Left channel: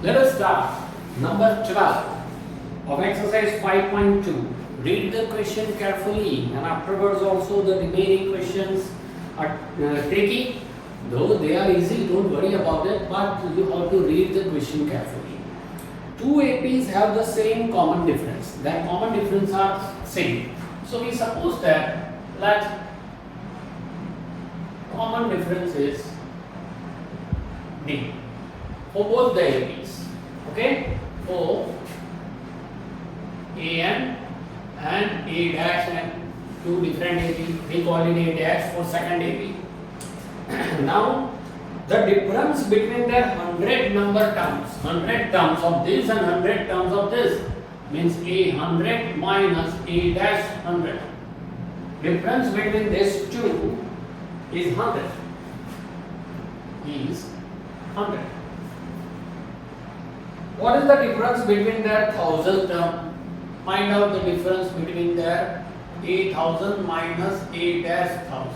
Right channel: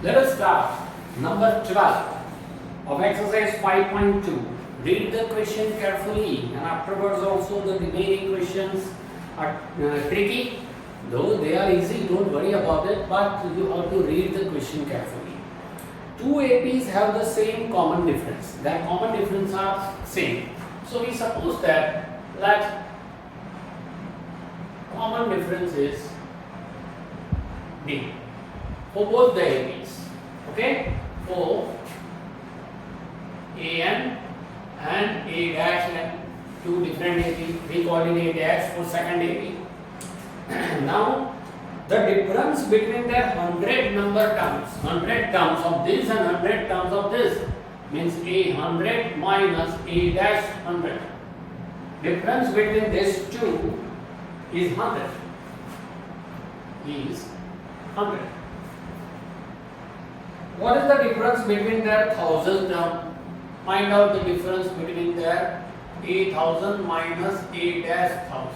Let us start number 12 of exercise 5.2. Read the question carefully and afterwards also the remaining questions are tricky. Though they are easy, don't worry about it, but you have to read the question carefully. Two APs have the same common difference. Their common difference are same. So we suppose that common difference is D for both the APs. Okay? For AN and A dash and two different AP, we call it A dash for second AP. Now, the difference between their 100 number terms, 100 terms of this and 100 terms of this, means A 100 minus A dash 100. Difference between these two is 100. Is 100. What is the difference between their 1000 term? Find out the difference between their A 1000 minus A dash 1000.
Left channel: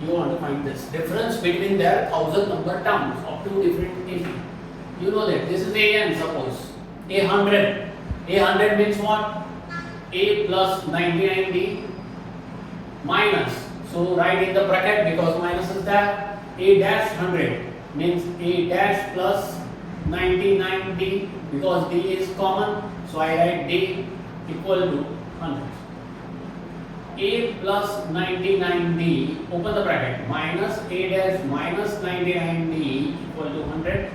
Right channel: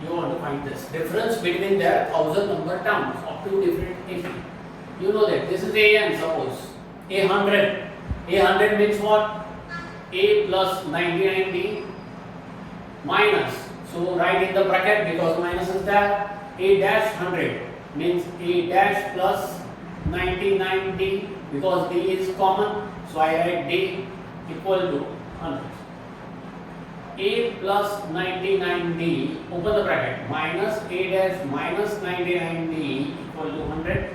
You want to find this difference between their 1000 number terms of two different AP. You know that this is AN, suppose A 100. A 100 means what? A plus 99D minus. So write in the bracket because minus is there. A dash 100 means A dash plus 99D because D is common. So I write D equal to 100. A plus 99D, open the bracket, minus A dash minus 99D equal to 100.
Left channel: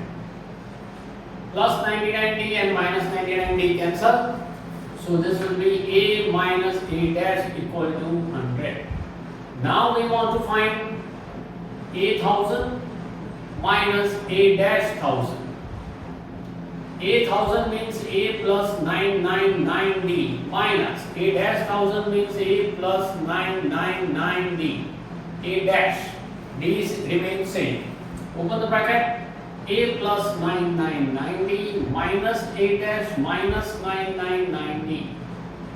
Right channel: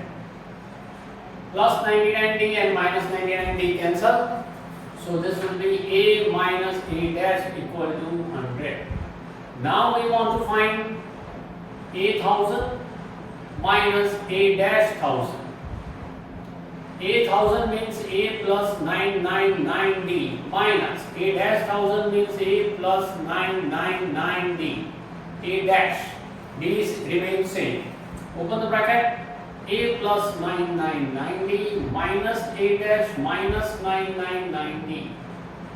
Plus 99D and minus 99D cancel. So this will be A minus A dash equal to 100. Now we want to find A 1000 minus A dash 1000. A 1000 means A plus 999D minus A dash 1000 means A plus 999D. A dash D remains same. Open the bracket. A plus 999D minus A dash minus 999D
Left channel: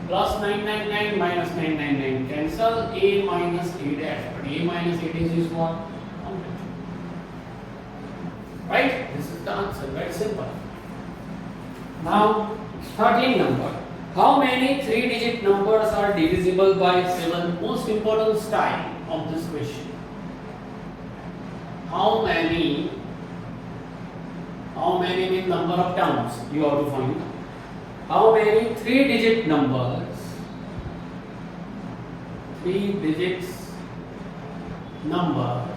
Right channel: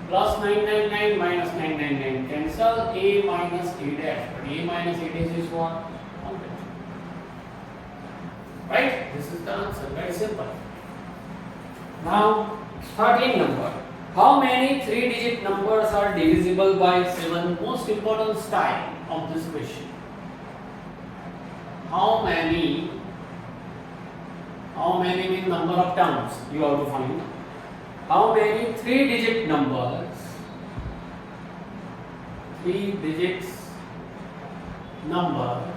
plus 999 minus 999 cancel. A minus A dash. But A minus A dash is what? 100. Right? This is the answer. Very simple. Now, starting number. How many 3-digit numbers are divisible by 7? Most important style of this question. How many means number of terms you have to find. How many 3-digit numbers, 3-digit numbers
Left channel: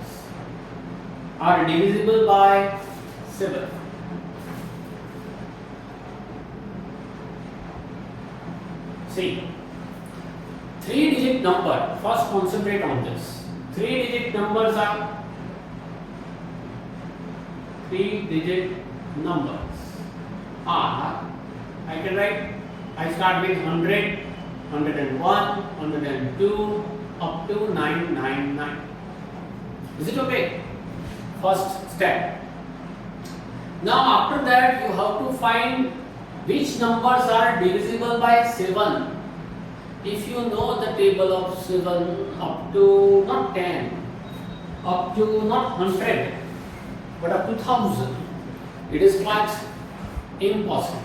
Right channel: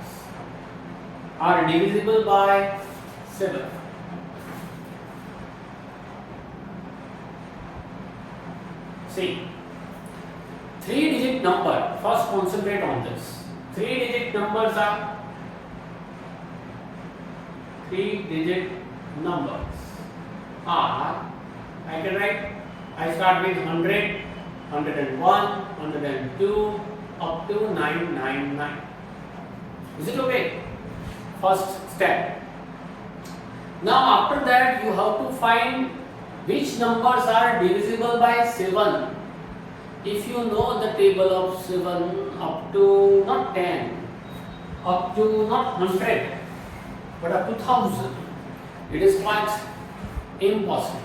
are divisible by 7? See, 3-digit number, first concentrate on this. 3-digit numbers are 3-digit numbers are, I can write, I start with 100, 101, 102, up to 999. Is it okay? First step. Now after that you have to find which numbers are divisible by 7. If you know the table of 7 up to not 10, up to not 100, but up to 1000, it is quite impossible.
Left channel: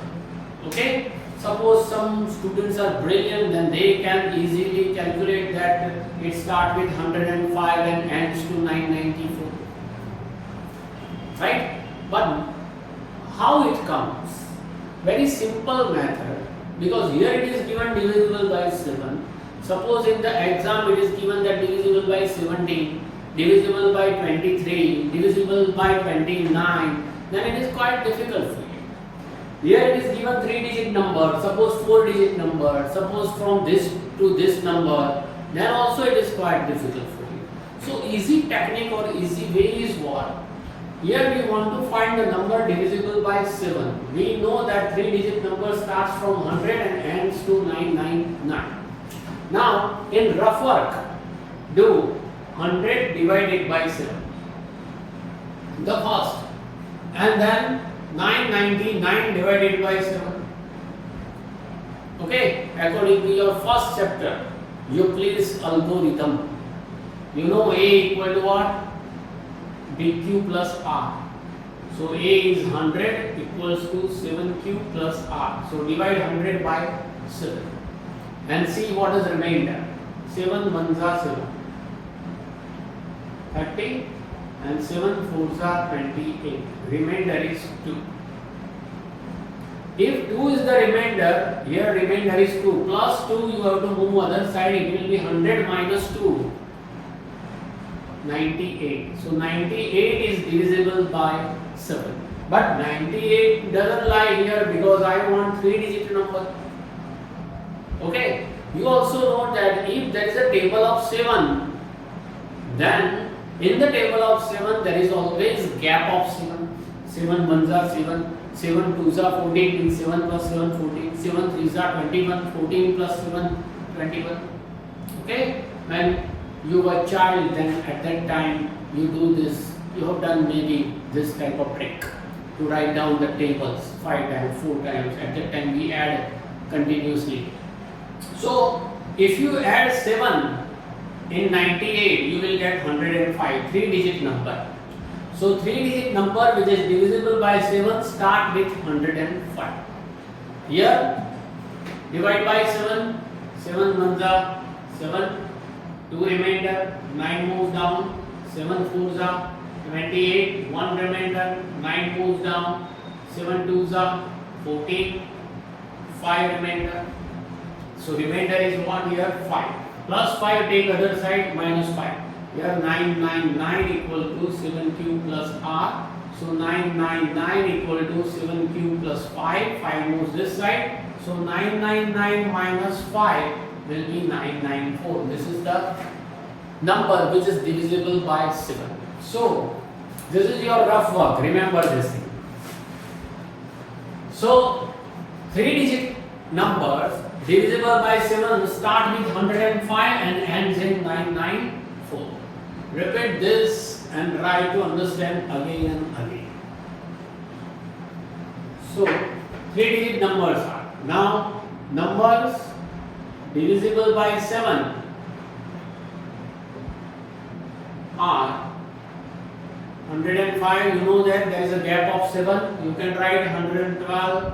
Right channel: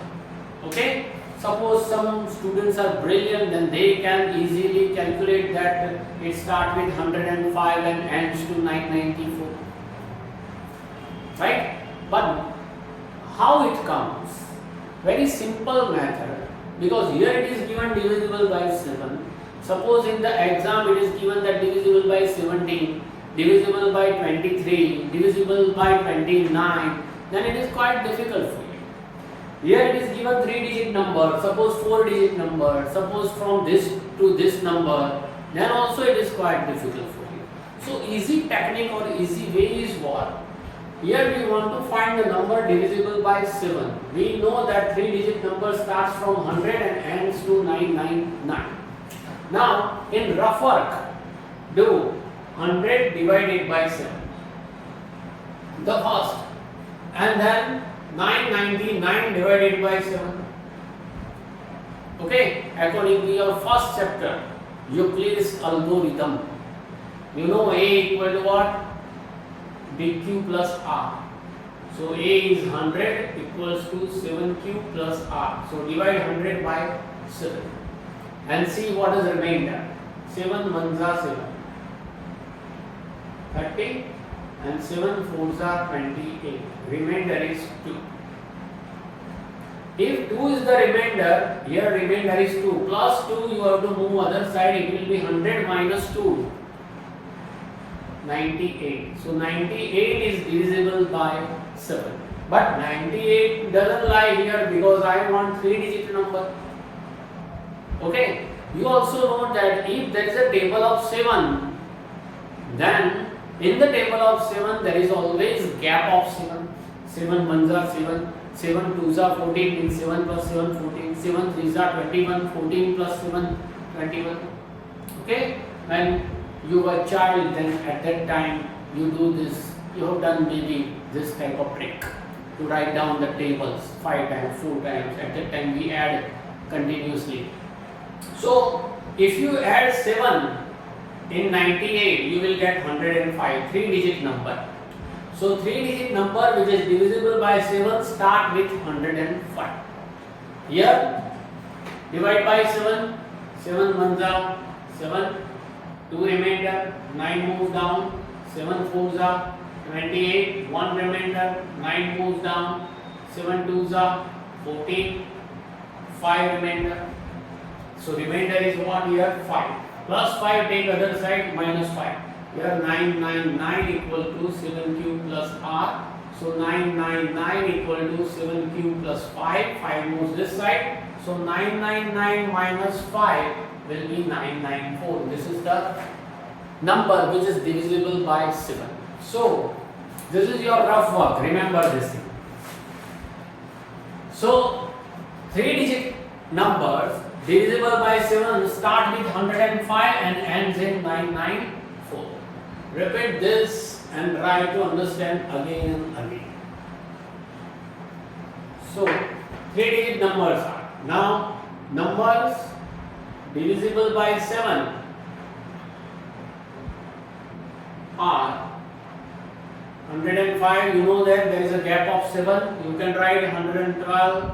Okay? Suppose some students are brilliant, then they can easily calculate that it starts with 105 and ends to 994. Right? But how it comes? Very simple method, because here it is given divisible by 7. Suppose in the exam it is given that divisible by 17, divisible by 23, divisible by 29, then it is quite difficult for you. Here it is given 3-digit number, suppose 4-digit number, suppose from this to this number, then also it is quite difficult for you. So easy technique or easy way is what? Here we want to find the number divisible by 7. We know that 3-digit number starts from 100 and ends to 999. Now, in rough work, do 100 divided by 7. The first. And then 999 divided by 7. Okay, according to your first chapter, Euclid's algorithm. You know A equal to what? BQ plus R. So A is 100 equals to 7Q plus R. So divide 100 by 7 and see what is remainder. 7 ones are 7, 30 and 7 fours are 28. Remainder is 2. If 2 is the remainder, here remainder is 2. Plus 2 you have to move other side, it will be 100 minus 2. 98. So 98 is divisible by 7. But 98 doesn't lie here because I want 3-digit number. Okay. You also know that if there is a table of 7, then in the table of 7 there is always gap of 7. 7 ones are 7, 7 twos are 14, means 7 plus 7 14, 7 threes are 21, 14 plus 7 21. Okay. When you were a child, then at that time you do this, you have done maybe this type of trick to write down the tables 5 times, 4 times. At that time we add continuously. So if you add 7 in 98, you will get 105, 3-digit number. So 3-digit number which is divisible by 7 start with 105. Here divide by 7, 7 ones are 7. 2 remainder, 9 moves down, 7 fours are 28, 1 remainder, 9 moves down, 7 twos are 14, 5 remainder. So remainder is what here? 5. Plus 5 take other side, minus 5. Here 999 equal to 7Q plus R. So 999 equal to 7Q plus 5. 5 moves this side. So 999 minus 5 will be 994. This is the number which is divisible by 7. So this is your rough work. Remember this thing. So 3-digit numbers divisible by 7 start with 105 and ends in 994. Repeat this and try to understand again and again. So 3-digit numbers are now numbers divisible by 7 are 105. You know that there is a gap of 7. You can write 112,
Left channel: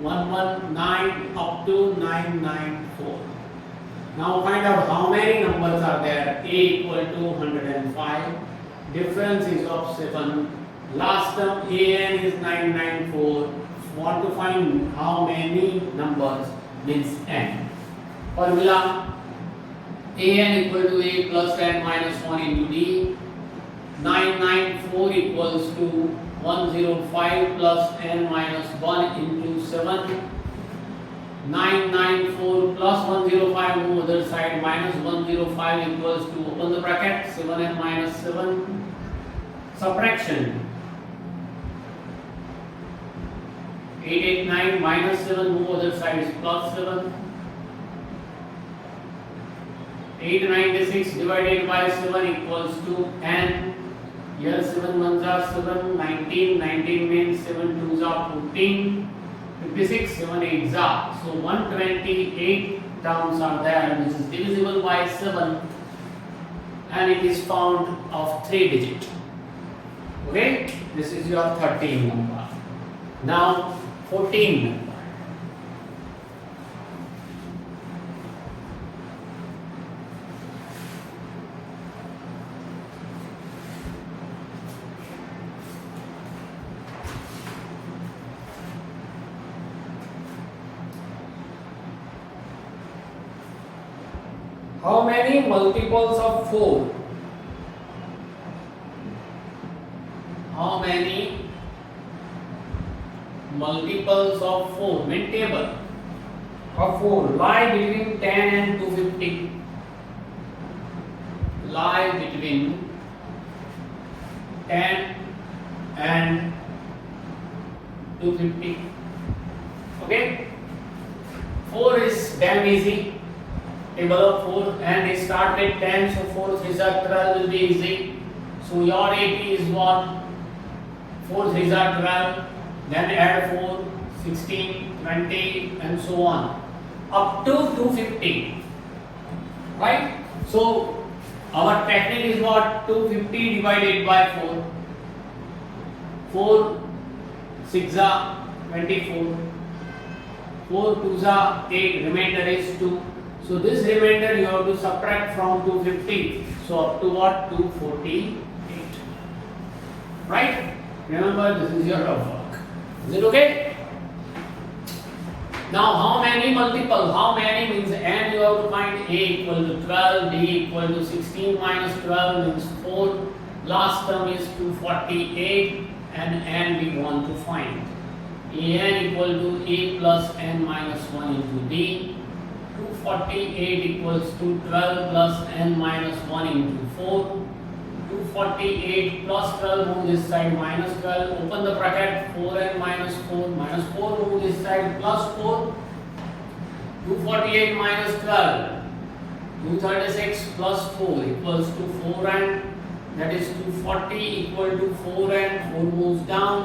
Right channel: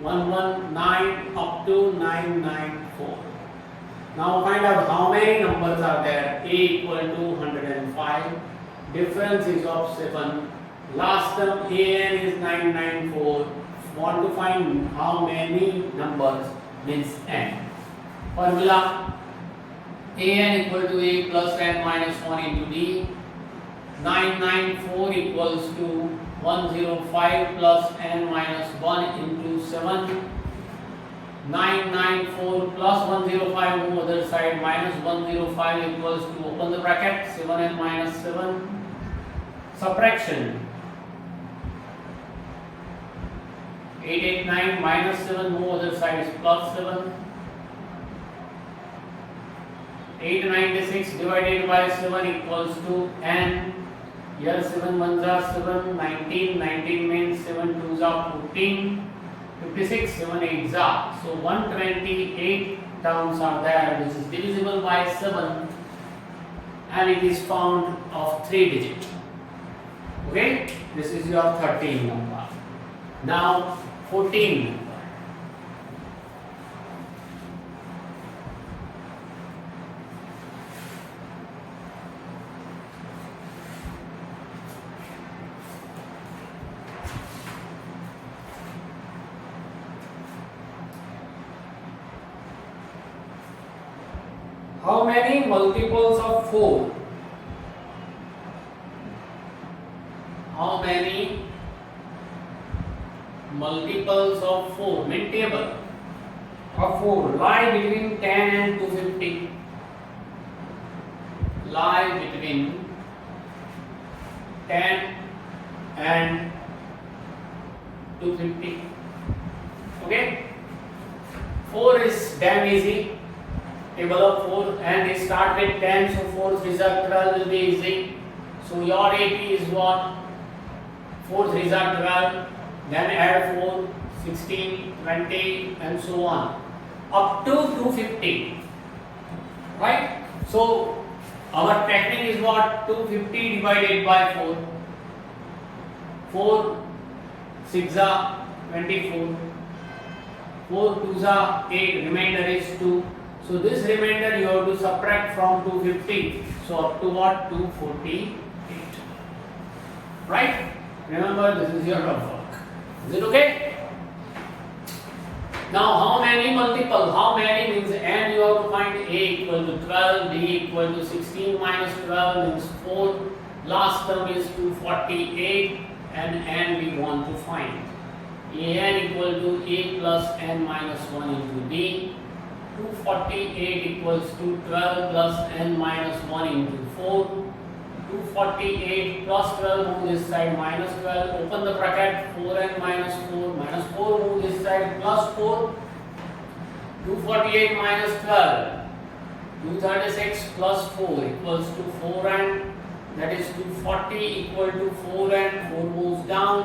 119 up to 994. Now find out how many numbers are there. A equal to 105. Difference is of 7. Last term an is 994. Want to find how many numbers means n. Formula an equal to a plus n minus 1 into d. 994 equals to 105 plus n minus 1 into 7. 994 plus 105 on the other side minus 105 equals to, open the bracket, 7n minus 7. Subtraction. 889 minus 7 on the other side is plus 7. 896 divided by 7 equals to n. Here 7 ones are 7, 19, 19 means 7 twos are 14, 56, 7 eights are. So 128 terms are there, which is divisible by 7 and it is found of 3 digit. Okay, this is your 13 number. Now 14 number. How many multiples of 4? How many multiples of 4? Mid table of 4 lie between 10 and 250. Lie between 10 and 250. Okay? 4 is damn easy. Table of 4 and we start with 10, so 4 3s are 12 will be easy. So your AP is what? 4 3s are 12, then add 4, 16, 20 and so on up to 250. Right? So our technique is what? 250 divided by 4. 4 6 are 24, 4 2s are 8, remainder is 2. So this remainder you have to subtract from 250. So up to what? 248. Right? Remember, this is your rough work. Is it okay? Now how many multiple? How many means n you have to find a equal to 12, b equal to 16 minus 12 means 4. Last term is 248 and n we want to find. An equal to a plus n minus 1 into d. 248 equals to 12 plus n minus 1 into 4. 248 plus 12 move this side minus 12. Open the bracket 4n minus 4 minus 4 move this side plus 4. 248 minus 12. 236 plus 4 equals to 4n. That is 240 equal to 4n. 4 moves down.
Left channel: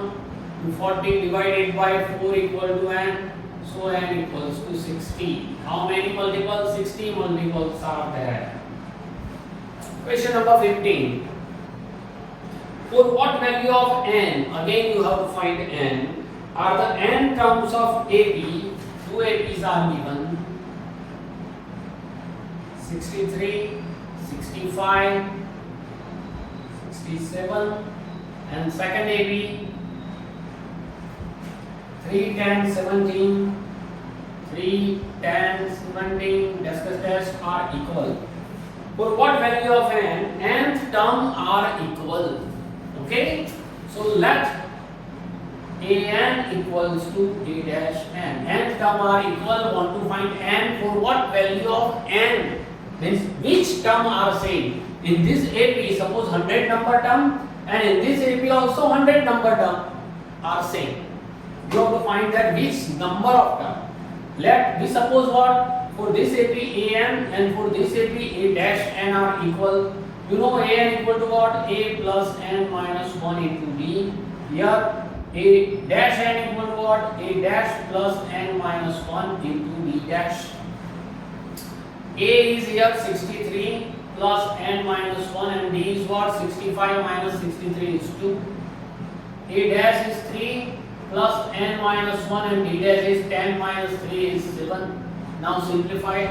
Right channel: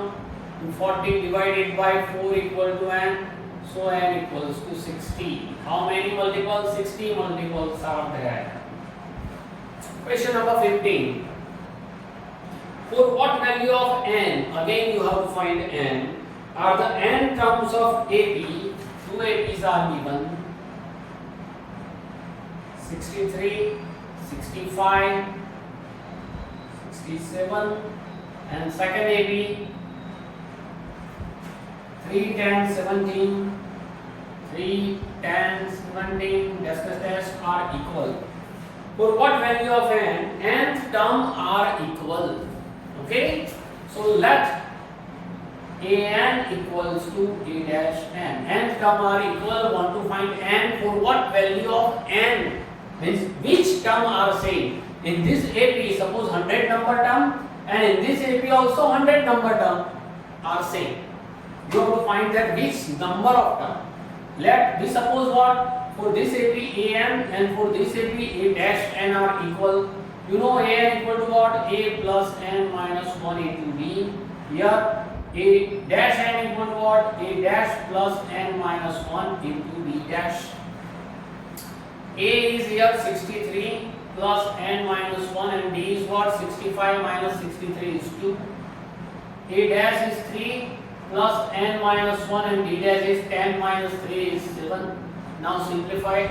240 divided by 4 equal to n. So n equals to 60. How many multiples? 60 multiples are there. Question number 15. For what value of n? Again you have to find n. Are the n terms of AP? Two APs are given. 63, 65, 67, and second AP 3, 10, 17, 3, 10, 17, test are equal. For what value of n? Nth term are equal. Okay? So let an equals to a dash n. Nth term are equal. Want to find n for what value of n? Means which term are same. In this AP, suppose 100 number term, and in this AP also 100 number term are same. You have to find that which number of term. Let we suppose what? For this AP an and for this AP a dash n are equal. You know an equal to what? A plus n minus 1 into b. Here a dash n equal to what? A dash plus n minus 1 into b dash. A is here 63 plus n minus 1 and d is what? 65 minus 63 is 2. A dash is 3 plus n minus 1 and d dash is 10 minus 3 is 7. Now simplify.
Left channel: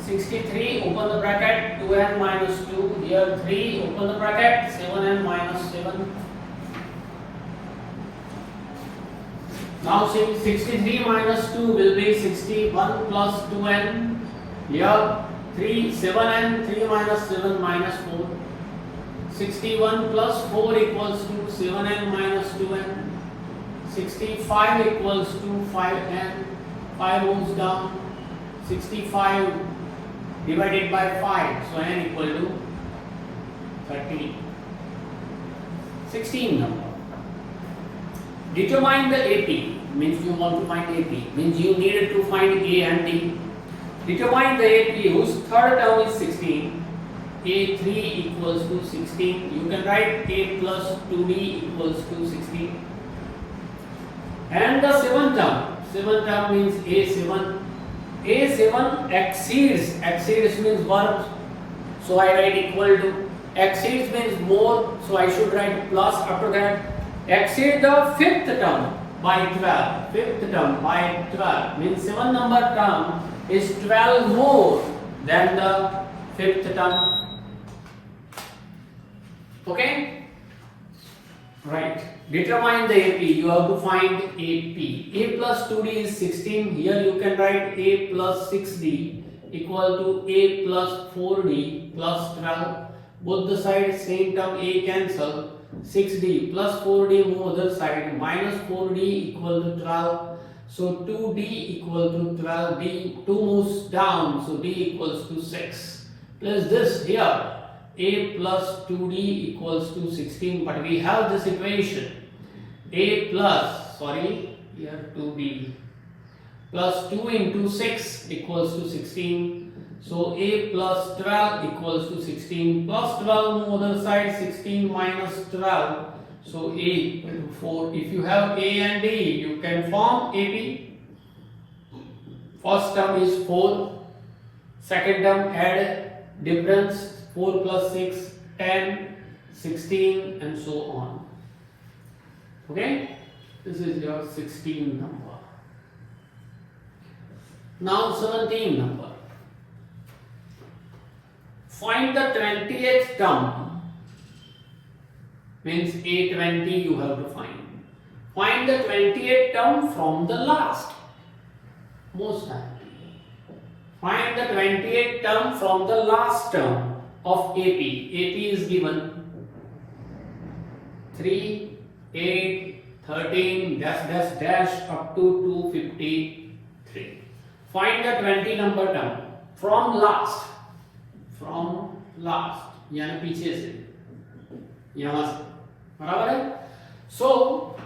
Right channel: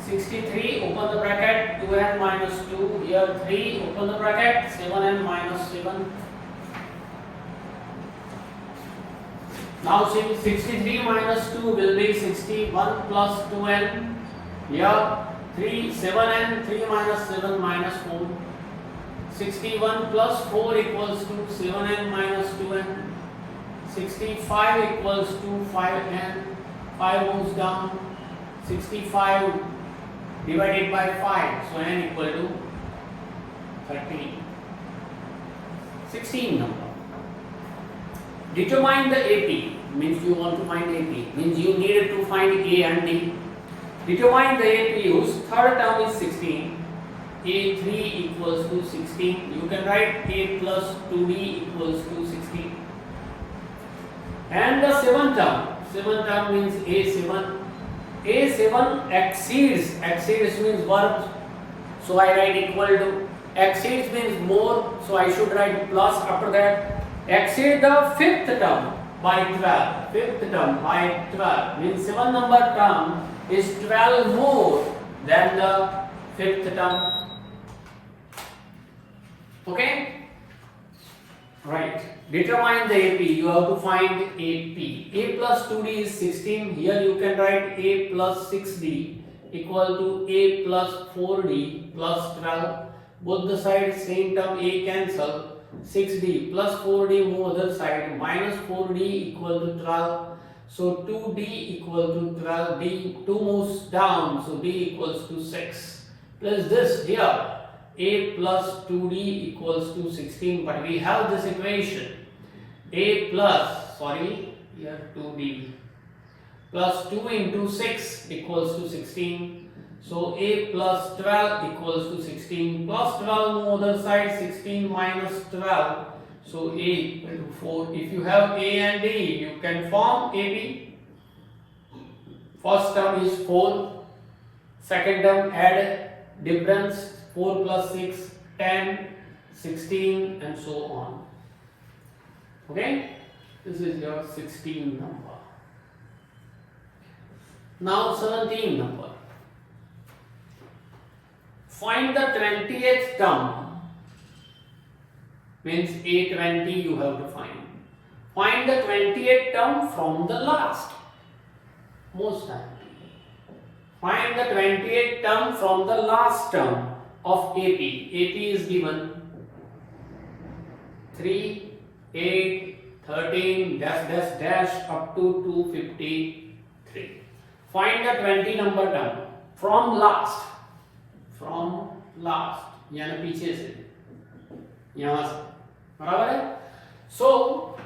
63, open the bracket, 2n minus 2, here 3, open the bracket, 7n minus 7. Now 63 minus 2 will be 61 plus 2n. Here 3, 7n, 3 minus 7 minus 4. 61 plus 4 equals to 7n minus 2n. 65 equals to 5n. 5 moves down. 65 divided by 5. So n equal to 30. 16 number. Determine the AP. Means you want to find AP. Means you needed to find A and D. Determine the AP whose third term is 16. A3 equals to 16. You can write A plus 2D equals to 16. And the seventh term means A7. A7 exceeds means verb. So I write equal to. Exceeds means more. So I should write plus after that. Exceed the fifth term by 12. Fifth term by 12 means 7 number term is 12 more than the fifth term. Okay? Right. Determine the AP. You have to find AP. A plus 2D is 16. Here you can write A plus 6D equal to A plus 4D plus 12. Both the sides same term A cancel. 6D plus 4D move other side. Minus 4D equal to 12. So 2D equal to 12. D 2 moves down. So D equals to 6. Plus this here. A plus 2D equals to 16. But we have this equation. A plus, here 2D plus 2 into 6 equals to 16. So A plus 12 equals to 16 plus 12 move other side 16 minus 12. So A equal to 4. If you have A and D, you can form AP. First term is 4. Second term add difference 4 plus 6, 10, 16 and so on. Okay, this is your 16 number. Now 17 number. Find the 20th term, means A20 you have to find. Find the 28th term from the last. Most time. Find the 28th term from the last term of AP. AP is given 3, 8, 13, dash, dash, dash up to 253. Find the 20 number term from last. From last. यानी पीछे से. यहाँ से. बराबर है? So,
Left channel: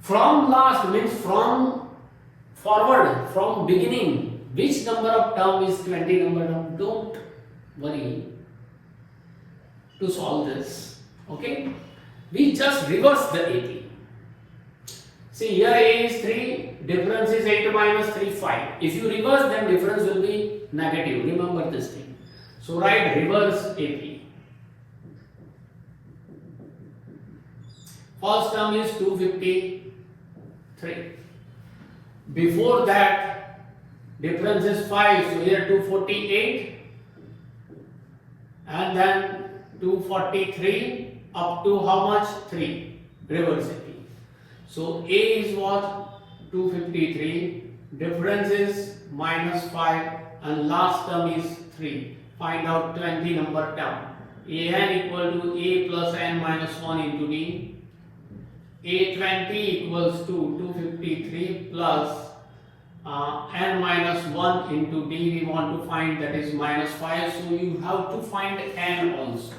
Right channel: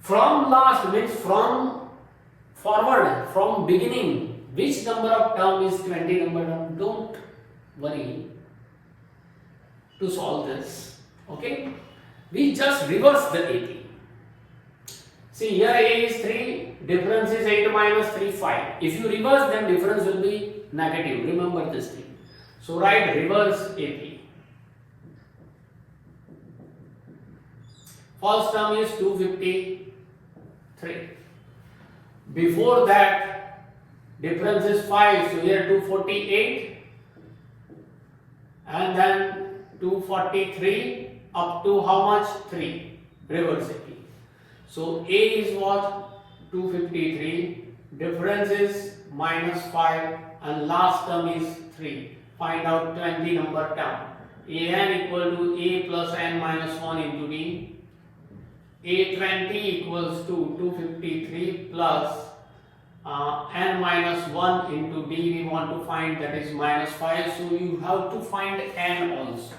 from last means from forward, from beginning. Which number of term is 20 number term? Don't worry to solve this. Okay? We just reverse the 80. See, here A is 3, difference is 8 minus 3, 5. If you reverse, then difference will be negative. Remember this thing. So write reverse 80. First term is 253. Before that, difference is 5, so here 248 and then 243 up to how much? 3. Reverse it. So A is what? 253. Difference is minus 5 and last term is 3. Find out 20 number term. An equal to A plus n minus 1 into D. A20 equals to 253 plus n minus 1 into D we want to find, that is minus 5. So you have to find n also.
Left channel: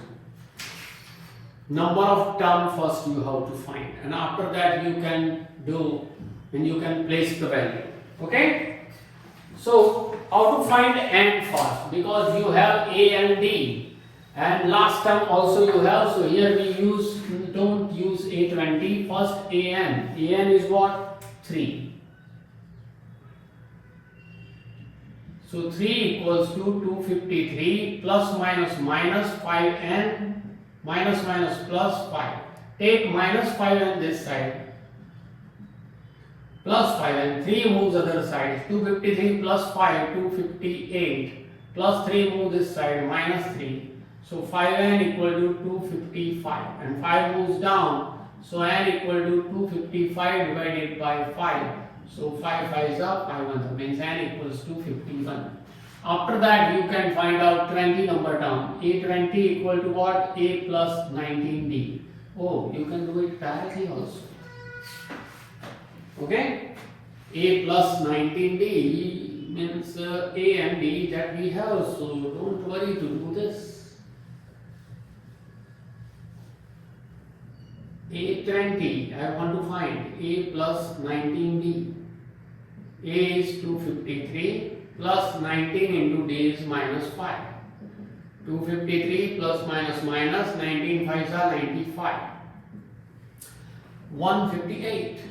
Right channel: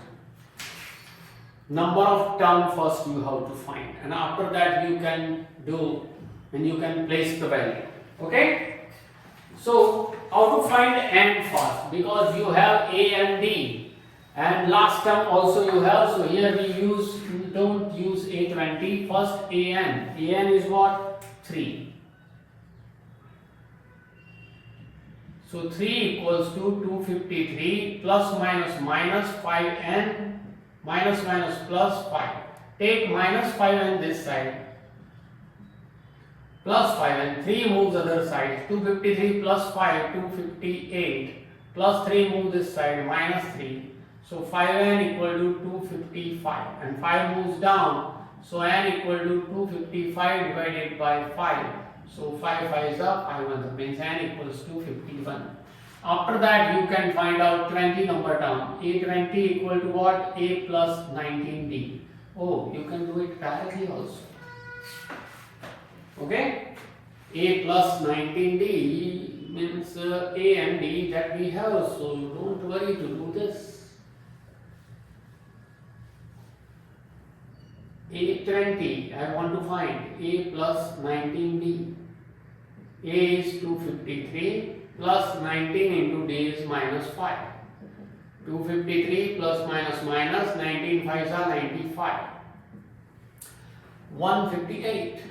Number of term first you have to find, and after that you can do, and you can place the value. Okay? So how to find n first? Because you have A and D, and last term also you have. So here we don't use A20. First an. An is what? 3. So 3 equals to 253 plus minus minus 5n minus minus plus 5. Take minus 5n this side plus 5n. 3 moves other side. 253 plus 5, 258 plus 3 move this side, minus 3. So 5n equal to 255 and 5 moves down. So n equal to 255 divided by 5. So 5 5s are 5 means n equals to 51. After that you can find out 20 number term. A20 equal to what? A plus 19D. Oh, you can do it directly also. Okay? A plus 19D means A and D that we have. So don't worry to do this. A20, I want to find A plus 19D. A is 253 plus 19 into D is minus 5. 253 plus minus minus 19 5s are 95. 158.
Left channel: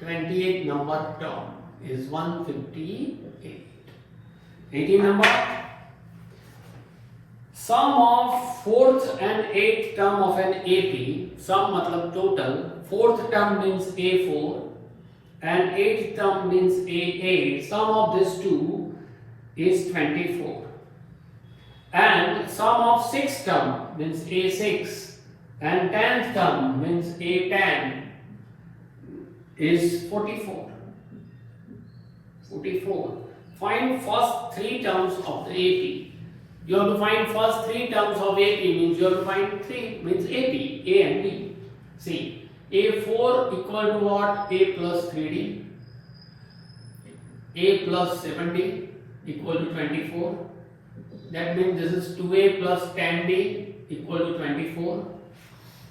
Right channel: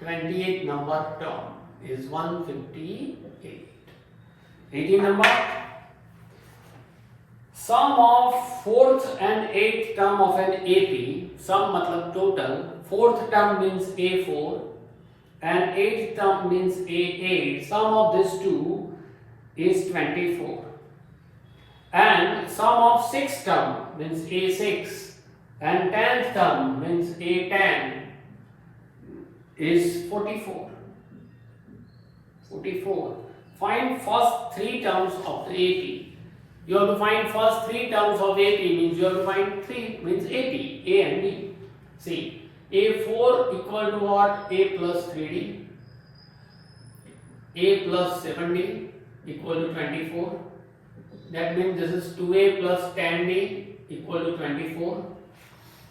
28 number term is 158. 18 number. Sum of 4th and 8th term of an AP. Sum matlab total. 4th term means A4 and 8th term means A8. Sum of these two is 24. And sum of 6th term means A6 and 10th term means A10 is 44. 44. Find first 3 terms of the AP. You have to find first 3 terms of AP means you have to find 3 means AP, A and D. See, A4 equal to what? A plus 3D. A plus 7D equal to 24. That means this is 2A plus 10D equal to 24.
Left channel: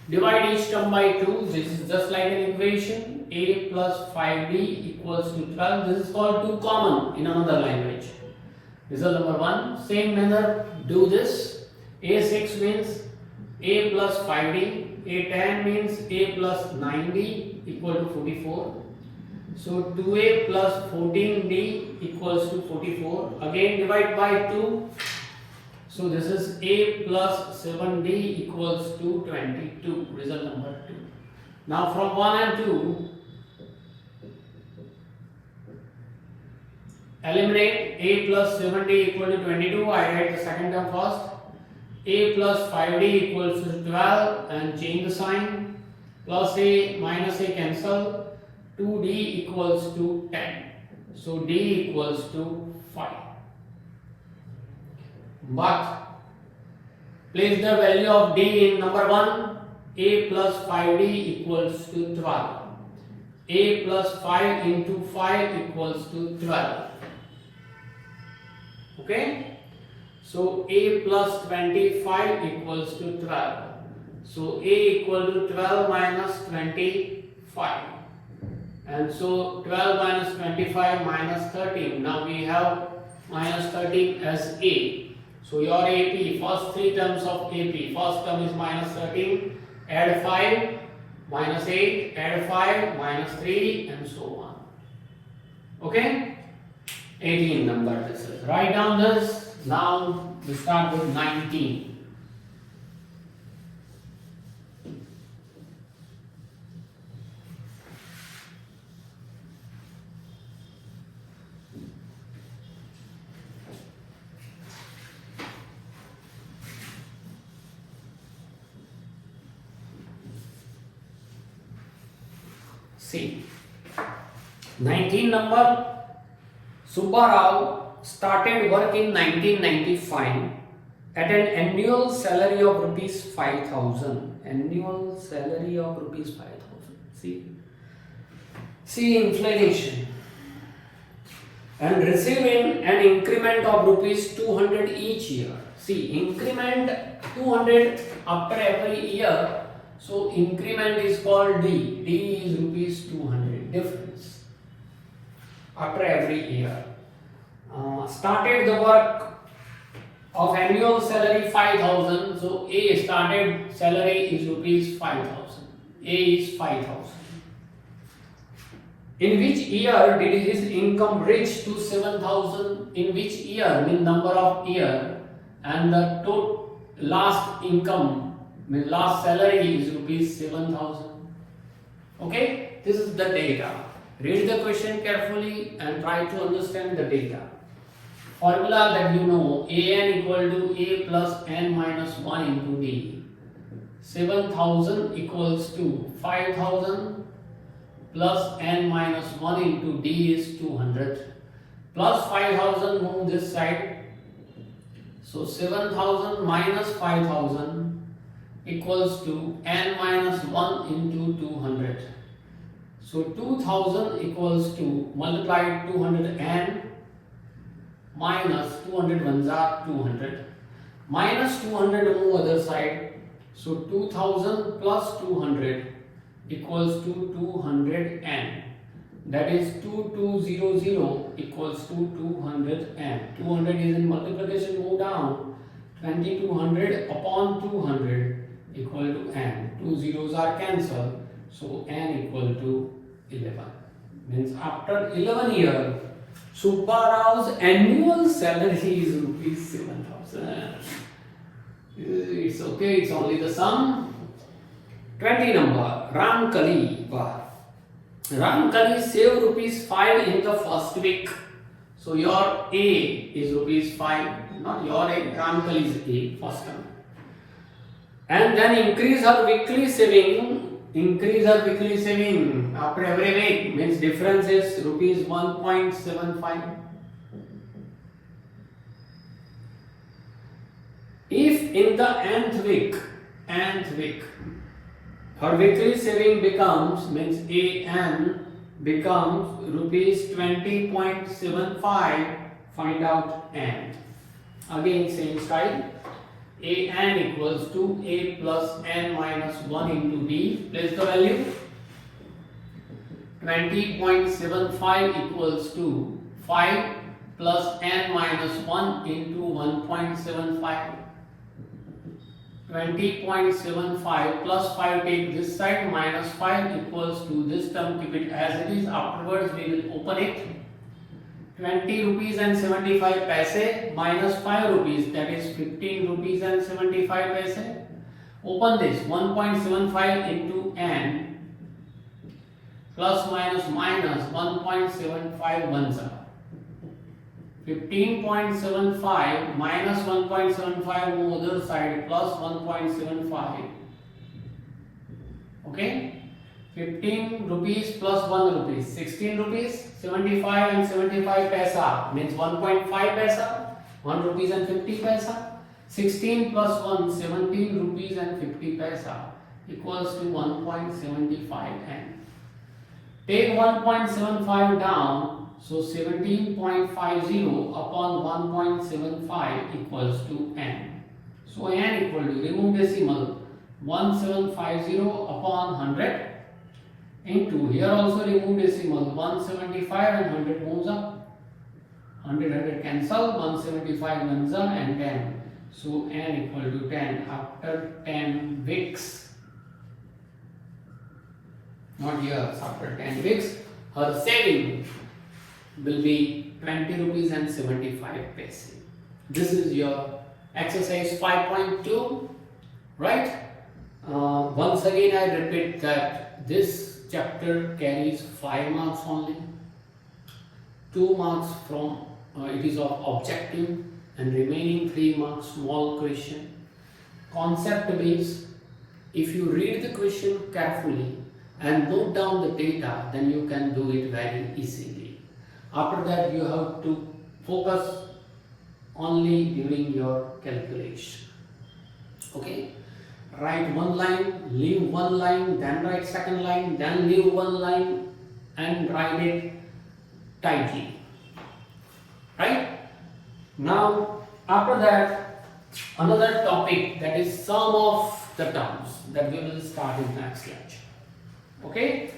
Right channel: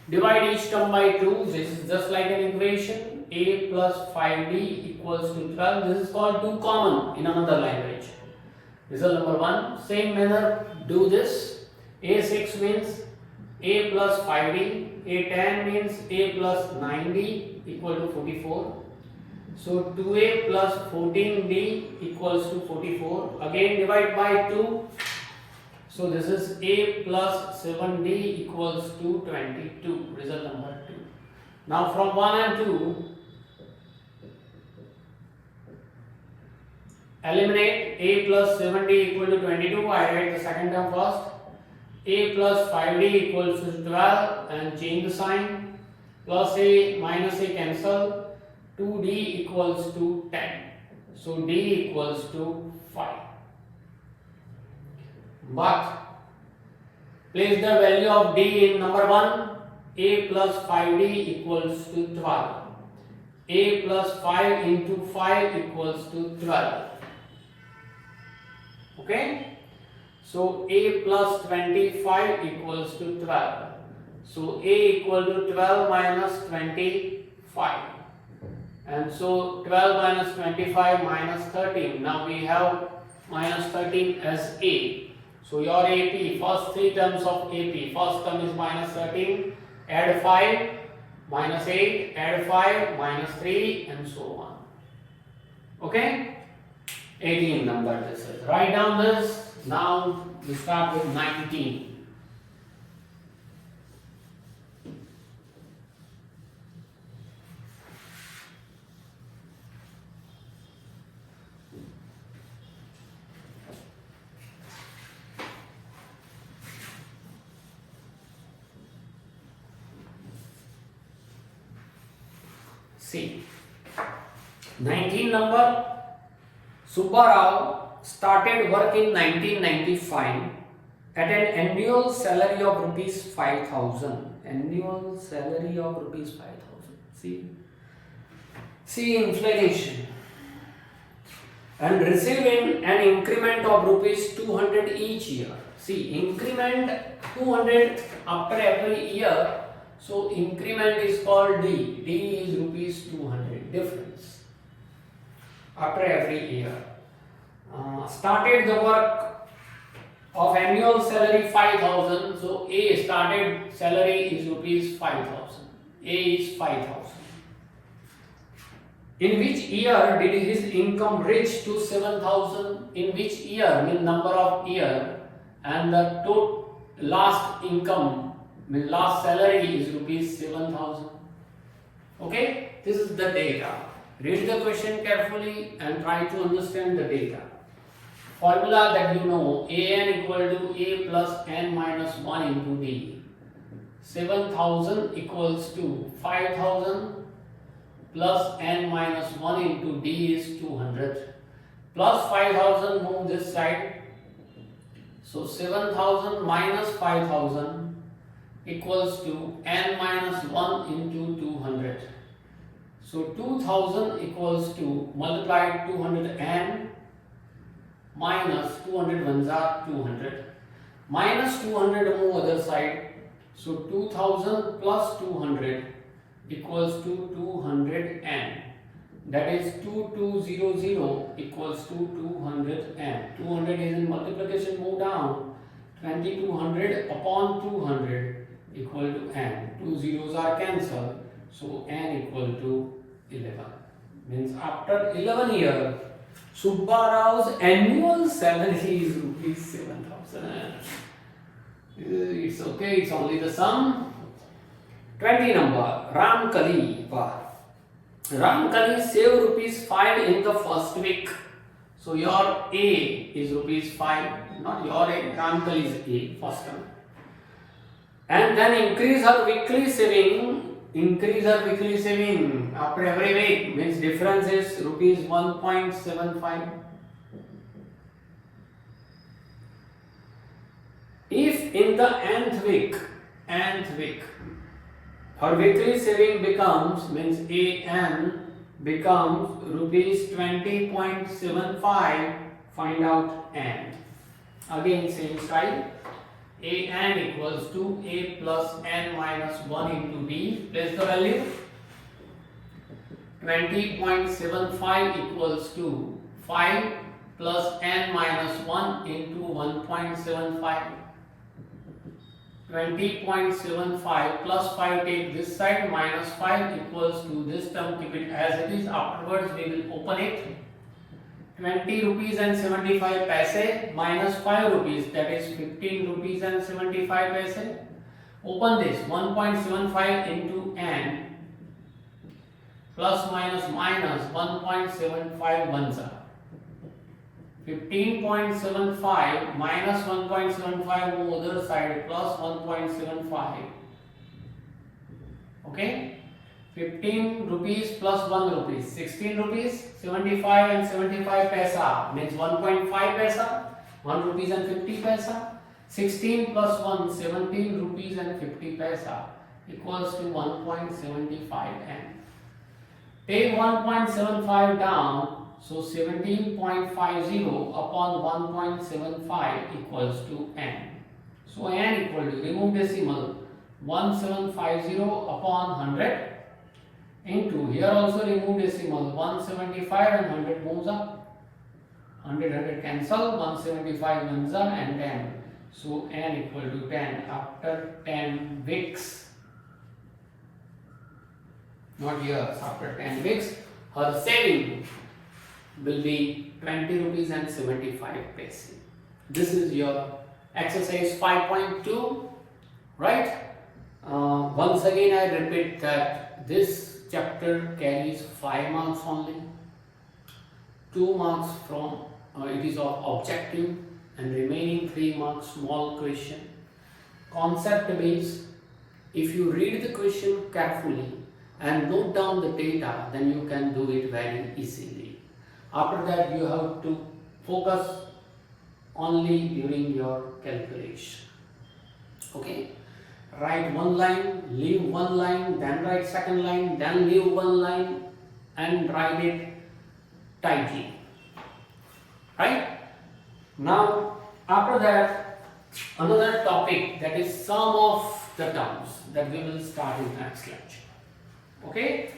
Divide each term by 2. This is just like an equation. A plus 5D equals to 12. This is called 2 common in another language. Result number 1. Same manner, do this. A6 means A plus 5D. A10 means A plus 9D equal to 44. So 2A plus 14D equals to 44. Again divide by 2. So this is A plus 7D equals to 22. Result number 2. Now from 1 and 2, eliminate a plus 7d equal to 22. I write the second term first. A plus 5d equals to 12 and change the sign. Plus a minus a cancel. 2d equals to 10. So d equals to 5. But place the value of d in number 1. A plus 5d equals to 12. A plus 5 into 5 equals to 12. Okay? So a plus 25 equals to 12. So a equal to 12 minus 25. And so 12 minus 25 minus 13. Now we have minus 13 as a. So your AP, first three terms of AP. First term is minus 13. Add 5, minus 8, add 5, minus 3, and so on. Okay? 18 number this is. Write down this. Now we start with 19. See, 19 number. Subbarao started work in 1995 at an annual salary of rupees 5,000. Annual salary of rupees 5,000. See inflation. And receiving an increment of rupees 200 each year. See, increment 200 after every year. So increment is called D. D is rupees 200 difference after every year. Started the work of annual salary 5,000. So A started salary is rupees 5,000. A is 5,000. In which year did his income reach to 7,000? In which year means number of year, and the total last income means last salary is rupees 7,000. Okay, this is the data. Read the question carefully and try to understand the data. Formula that you know, an equal to a plus n minus 1 into d. 7,000 equals to 5,000 plus n minus 1 into d is 200. Plus 5,000 move this side. So 7,000 minus 5,000 equals to n minus 1 into 200. So 2000 equals to multiply 200 n minus 200 ones are 200 minus 200 move other side. So 2000 plus 200 equals to 200 n. That is 2200 equals to 200 n. 200 is in multiplication, move down. 2200 upon 200 equal to n. Two zeros are cancelled. So n equal to 11. Means after 11 years, Subbarao's annual salary is rupees 7,000. It's okay, it's only the sum. 20 number, Ramkali. Ramkali save rupees 5 in the first week. So your A is rupees 5, not your A, Ramkali's A, first term. And then increase her weekly saving. After every week, means difference is rupees 1.75. If in the nth week, her weekly saving becomes, means AN becomes rupees 20.75, find out N. Again same style. AN equals to A plus N minus 1 into D. Place the value. 20.75 equals to 5 plus N minus 1 into 1.75. 20.75 plus 5, take this side, minus 5 equals to this term, keep it as it is. Afterwards we will open it. 20 rupees and 75 paise minus 5 rupees, that is 15 rupees and 75 paise. Open this. 1.75 into n plus minus minus 1.75 ones are. 15.75 minus 1.75 on the other side plus 1.75. Okay, 15 rupees plus 1 rupees, 16 rupees, 75 and 75 paisa means 1.5 paisa, 1 rupees and 50 paisa. 16 plus 1, 17 rupees and 50 paisa equals to 1.75 n. Take 1.75 down, so 17.50 upon 1.75 equals to n. So n equal to, remove decimal, 1750 upon 100 into, here also remove decimal, 175 and 100 moves up, 100 cancel, 175 ones up and 10. So n equal to 10 after 10 weeks. Not years, after 10 weeks, her saving will be 20 rupees and 75 paise. This is your exercise 5.2, right? Once again I repeat that this chapter carries 5 marks only. 2 marks from it is of objective and remaining 3 marks small question. Concept means if you read the question carefully and note down the data, then you can do it very easily. After that you have to focus only during your calculation. Okay, write one line, leave one line, then write second line, then leave one line and write it tightly. Right? Now after that another topic, that is sum of the terms, that we will start in next lecture. Okay.